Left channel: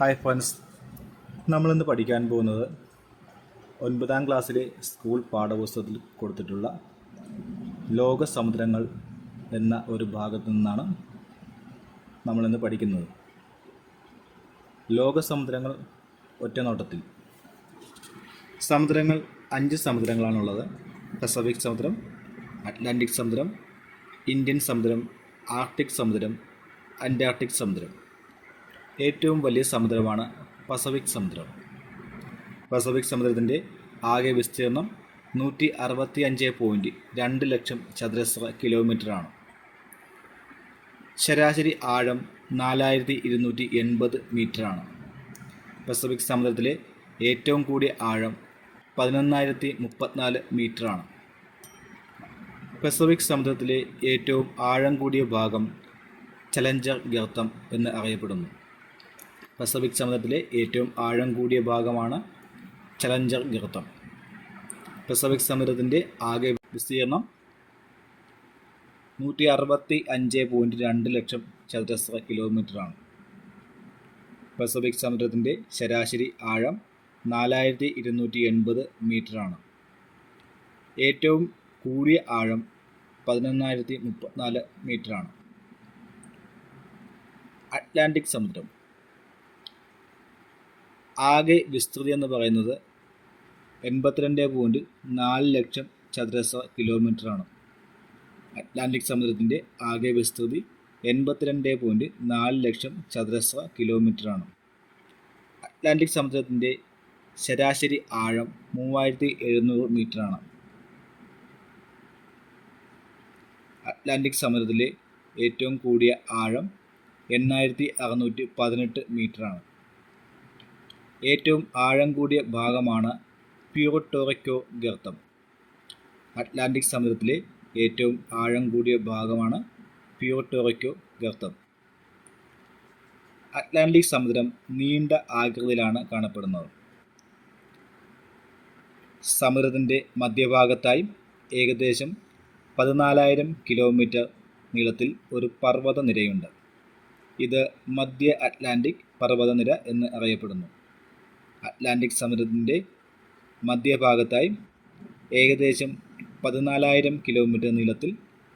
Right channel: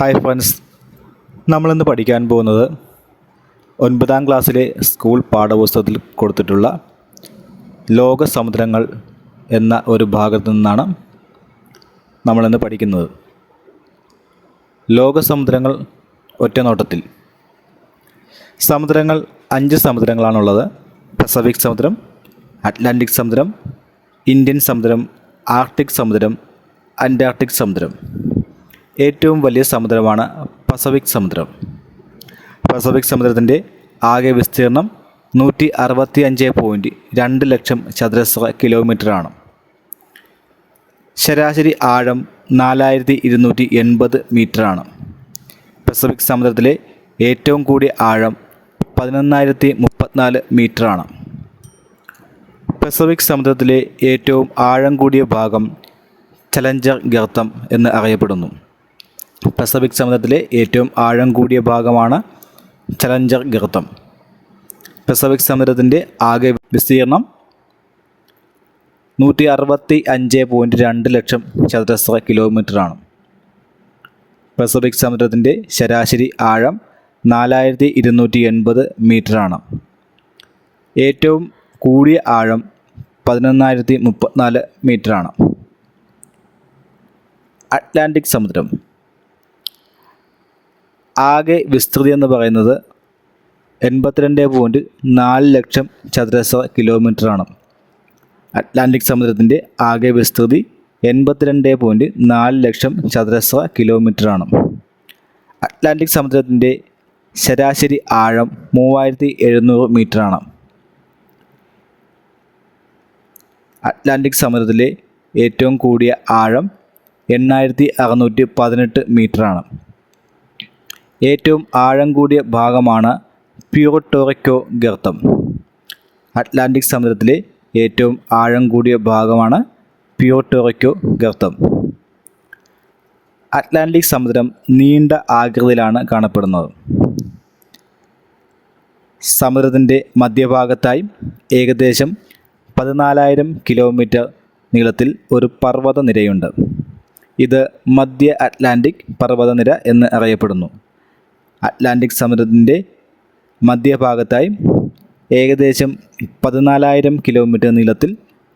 Hi friends, നമ്മളിന്ന് പഠിക്കാൻ പോകുന്നത് 9ാം ക്ലാസ്സിലെ സ്കൂൾ പാഠപുസ്തകത്തിൽ കൊടുത്തിട്ടുള്ള ലോക സമുദ്രങ്ങൾ എന്ന ഒരു ഭാഗത്തു നിന്നാണ് നമ്മളിന്ന് പഠിക്കുന്നത്. ലോക സമുദ്രങ്ങൾ ഒറ്റനോട്ടത്തിൽ. സമുദ്രങ്ങൾ 5 സമുദ്രങ്ങളാണുള്ളത്. പസഫിക് സമുദ്രം, അറ്റ്ലാന്റിക് സമുദ്രം, ഇന്ത്യൻ സമുദ്രം, ആർട്ടിക് സമുദ്രം, അന്റാർട്ടിക് സമുദ്രം. ഏറ്റവും വലിയ സമുദ്രമാണ് പസഫിക് സമുദ്രം. പസഫിക് സമുദ്രത്തിൻ്റെ ആകെ വിസ്തീർണം 165.2 ലക്ഷം ചതുരശ്ര കിലോമീറ്ററാണ്. ശരാശരി ആഴം 4280 മീറ്ററാണ്. പസഫിക് സമുദ്രത്തിലെ ഏറ്റവും കൂടിയ ആഴം 11034 മീറ്ററാണ്. പസഫിക് സമുദ്രത്തിലെ ഏറ്റവും ആഴം കൂടിയ ഭാഗം ചലഞ്ചർ ഗർത്തം എന്ന് അറിയപ്പെടുന്നു. പസഫിക് സമുദ്രത്തിലെ ഏറ്റവും ആഴം കൂടിയ ഭാഗമാണ് ചലഞ്ചർ ഗർത്തം. പസഫിക് സമുദ്രത്തിൻ്റെ ആകെ വിസ്തീർണം 165.2 ലക്ഷം ചതുരശ്ര കിലോമീറ്ററാണ്. പസഫിക് സമുദ്രത്തിൻ്റെ ശരാശരി ആഴം 4280 മീറ്ററാണ്. ഏറ്റവും കൂടിയ ആഴം 11034 മീറ്ററാണ്. അറ്റ്ലാന്റിക് സമുദ്രം. ആകെ വിസ്തൃതി എന്ന് പറയുന്നത് 82.4 ലക്ഷം ചതുരശ്ര കിലോമീറ്ററാണ്. അറ്റ്ലാന്റിക് സമുദ്രത്തിൻ്റെ ആകെ വിസ്തൃതി 82.4 ലക്ഷം ചതുരശ്ര കിലോമീറ്ററാണ്. അറ്റ്ലാന്റിക് സമുദ്രത്തിൻ്റെ ശരാശരി ആഴം 3700 മീറ്ററാണ്. അറ്റ്ലാന്റിക് സമുദ്രത്തിലെ ഏറ്റവും കൂടിയ ആഴം 8618 മീറ്ററാണ്. ഏറ്റവും ആഴം കൂടിയ ഭാഗമാണ് പ്യൂർട്ടോ റിക്കോ ഗർത്തം. അറ്റ്ലാന്റിക് സമുദ്രത്തിലെ ഏറ്റവും ആഴം കൂടിയ ഭാഗമാണ് പ്യൂർട്ടോ റിക്കോ ഗർത്തം. അറ്റ്ലാന്റിക് സമുദ്രം നീണ്ട ആകൃതിയിലാണ് കാണപ്പെടുന്നത്. സമുദ്രത്തിൻ്റെ മധ്യഭാഗത്തായി ഏകദേശം 14,000 കിലോമീറ്റർ നീളത്തിൽ ഒരു പർവ്വതനിരയുണ്ട്. ഇത് മധ്യ അറ്റ്ലാന്റിക് പർവ്വതനിര എന്ന് അറിയപ്പെടുന്നു. അറ്റ്ലാന്റിക് സമുദ്രത്തിൻ്റെ മധ്യഭാഗത്തായി ഏകദേശം 14,000 കിലോമീറ്റർ നീളത്തിൽ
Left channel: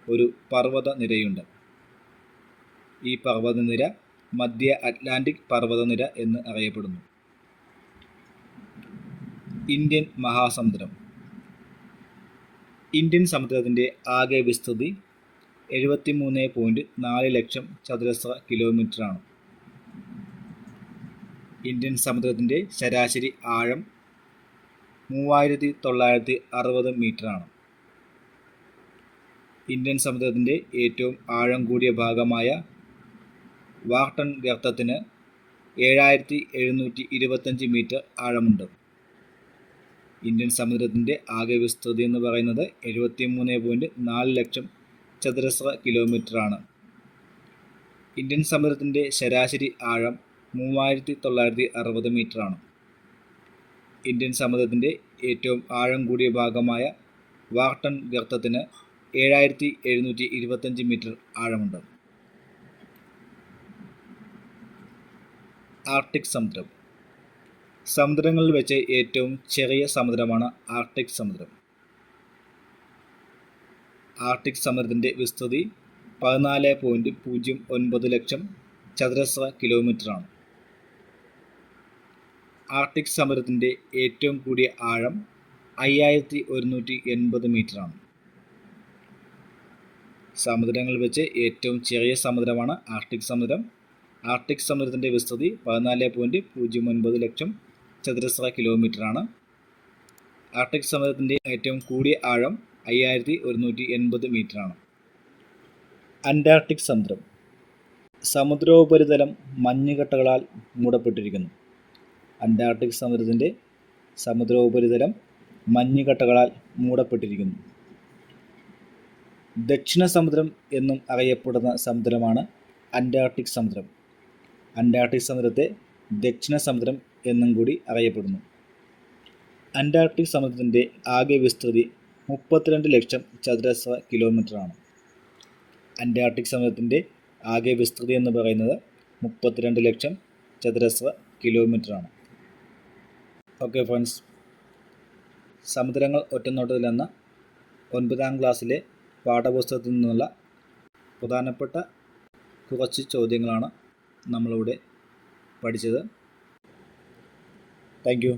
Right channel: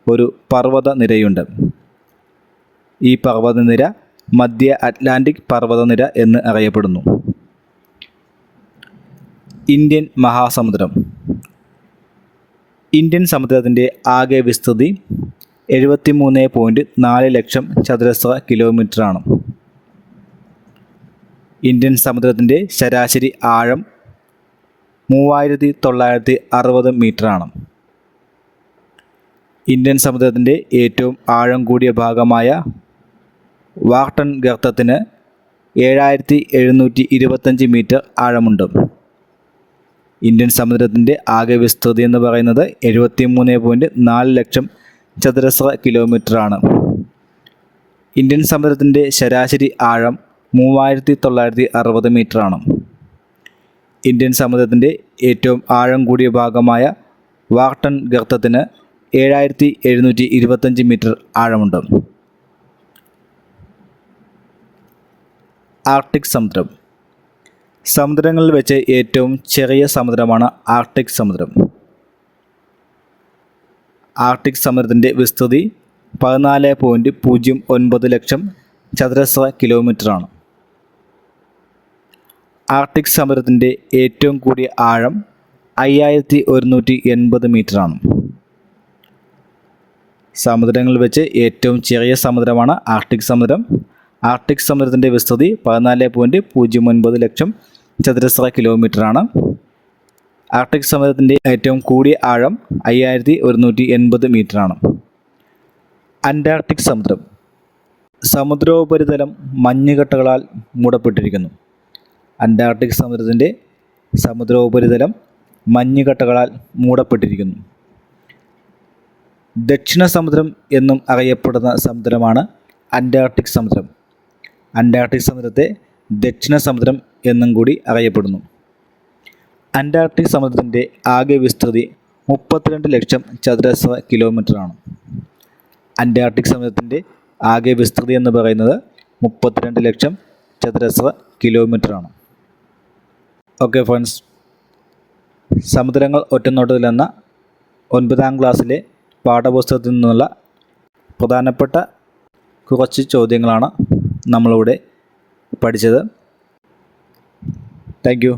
ഒരു പർവ്വതനിരയുണ്ട്. ഈ പർവ്വതനിര മധ്യ അറ്റ്ലാന്റിക് പർവ്വതനിര എന്ന് അറിയപ്പെടുന്നു. ഇന്ത്യൻ മഹാസമുദ്രം. ഇന്ത്യൻ സമുദ്രത്തിൻ്റെ ആകെ വിസ്തൃതി 73.4 ലക്ഷം ചതുരശ്ര കിലോമീറ്ററാണ്. ഇന്ത്യൻ സമുദ്രത്തിൻ്റെ ശരാശരി ആഴം 3960 മീറ്ററാണ്. ഇന്ത്യൻ സമുദ്രത്തിൻ്റെ ഏറ്റവും ആഴം കൂടിയ ഭാഗമായ വാർട്ടൺ ഗർത്തത്തിന് 7725 മീറ്റർ ആഴമുണ്ട്. ഇന്ത്യൻ സമുദ്രത്തിൻ്റെ ആകെ വിസ്തൃതി എന്ന് പറയുന്നത് 73.4 ലക്ഷം ചതുരശ്ര കിലോമീറ്ററാണ്. ഇന്ത്യൻ സമുദ്രത്തിൻ്റെ ശരാശരി ആഴം 3960 മീറ്ററാണ്. ഇന്ത്യൻ സമുദ്രത്തിൻ്റെ ഏറ്റവും ആഴം കൂടിയ ഭാഗമായ വാർട്ടൺ ഗർത്തത്തിന് 7725 മീറ്റർ ആഴമുണ്ട്. ആർട്ടിക് സമുദ്രം. സമുദ്രങ്ങളിൽ വെച്ച് ഏറ്റവും ചെറിയ സമുദ്രമാണ് ആർട്ടിക് സമുദ്രം. ആർട്ടിക് സമുദ്രത്തിൻ്റെ വിസ്തൃതി 14.09 ലക്ഷം ചതുരശ്ര കിലോമീറ്ററാണ്. ആർട്ടിക് സമുദ്രത്തിൻ്റെ ഏറ്റവും കൂടിയ ആഴം 5180 മീറ്ററാണ്. സമുദ്രങ്ങളിൽ വെച്ച് ഏറ്റവും ചെറിയ സമുദ്രമാണ് ആർട്ടിക് സമുദ്രം. ആർട്ടിക് സമുദ്രത്തിൻ്റെ വിസ്തൃതി 14.09 ലക്ഷം ചതുരശ്ര കിലോമീറ്ററാണ്. ആർട്ടിക് സമുദ്രത്തിൻ്റെ ഏറ്റവും കൂടിയ ആഴം 5180 മീറ്ററാണ്. അന്റാർട്ടിക് സമുദ്രം. സമുദ്രോപരിതലം മഞ്ഞുകട്ടകളാൽ മൂടപ്പെട്ടിരിക്കുന്നു. അന്റാർട്ടിക് സമുദ്രത്തിൻ്റെ സമുദ്രോപരിതലം മഞ്ഞുകട്ടകളാൽ മൂടപ്പെട്ടിരിക്കുന്നു. ദക്ഷിണ സമുദ്രം എന്നും അറിയപ്പെടുന്ന സമുദ്രമാണ് അന്റാർട്ടിക് സമുദ്രം. അന്റാർട്ടിക് സമുദ്രത്തെ ദക്ഷിണ സമുദ്രം എന്നും കൂടി അറിയപ്പെടുന്നു. അന്റാർട്ടിക് സമുദ്രത്തിൻ്റെ ആകെ വിസ്തൃതി 32 ലക്ഷം ചതുരശ്ര കിലോമീറ്ററാണ്. അന്റാർട്ടിക് സമുദ്രത്തിൻ്റെ ആകെ വിസ്തൃതി എന്ന് പറയുന്നത് 32 ലക്ഷം ചതുരശ്ര കിലോമീറ്ററാണ്. ഓക്കെ ഫ്രണ്ട്സ്, സമുദ്രങ്ങൾ ഒറ്റനോട്ടത്തിൽ എന്ന 9ാം ക്ലാസ്സിലെ പാഠപുസ്തകത്തിൽ നിന്നുള്ള പ്രധാനപ്പെട്ട കുറച്ച് ചോദ്യങ്ങളാണ് നമ്മളിവിടെ പഠിച്ചത്. Thank you.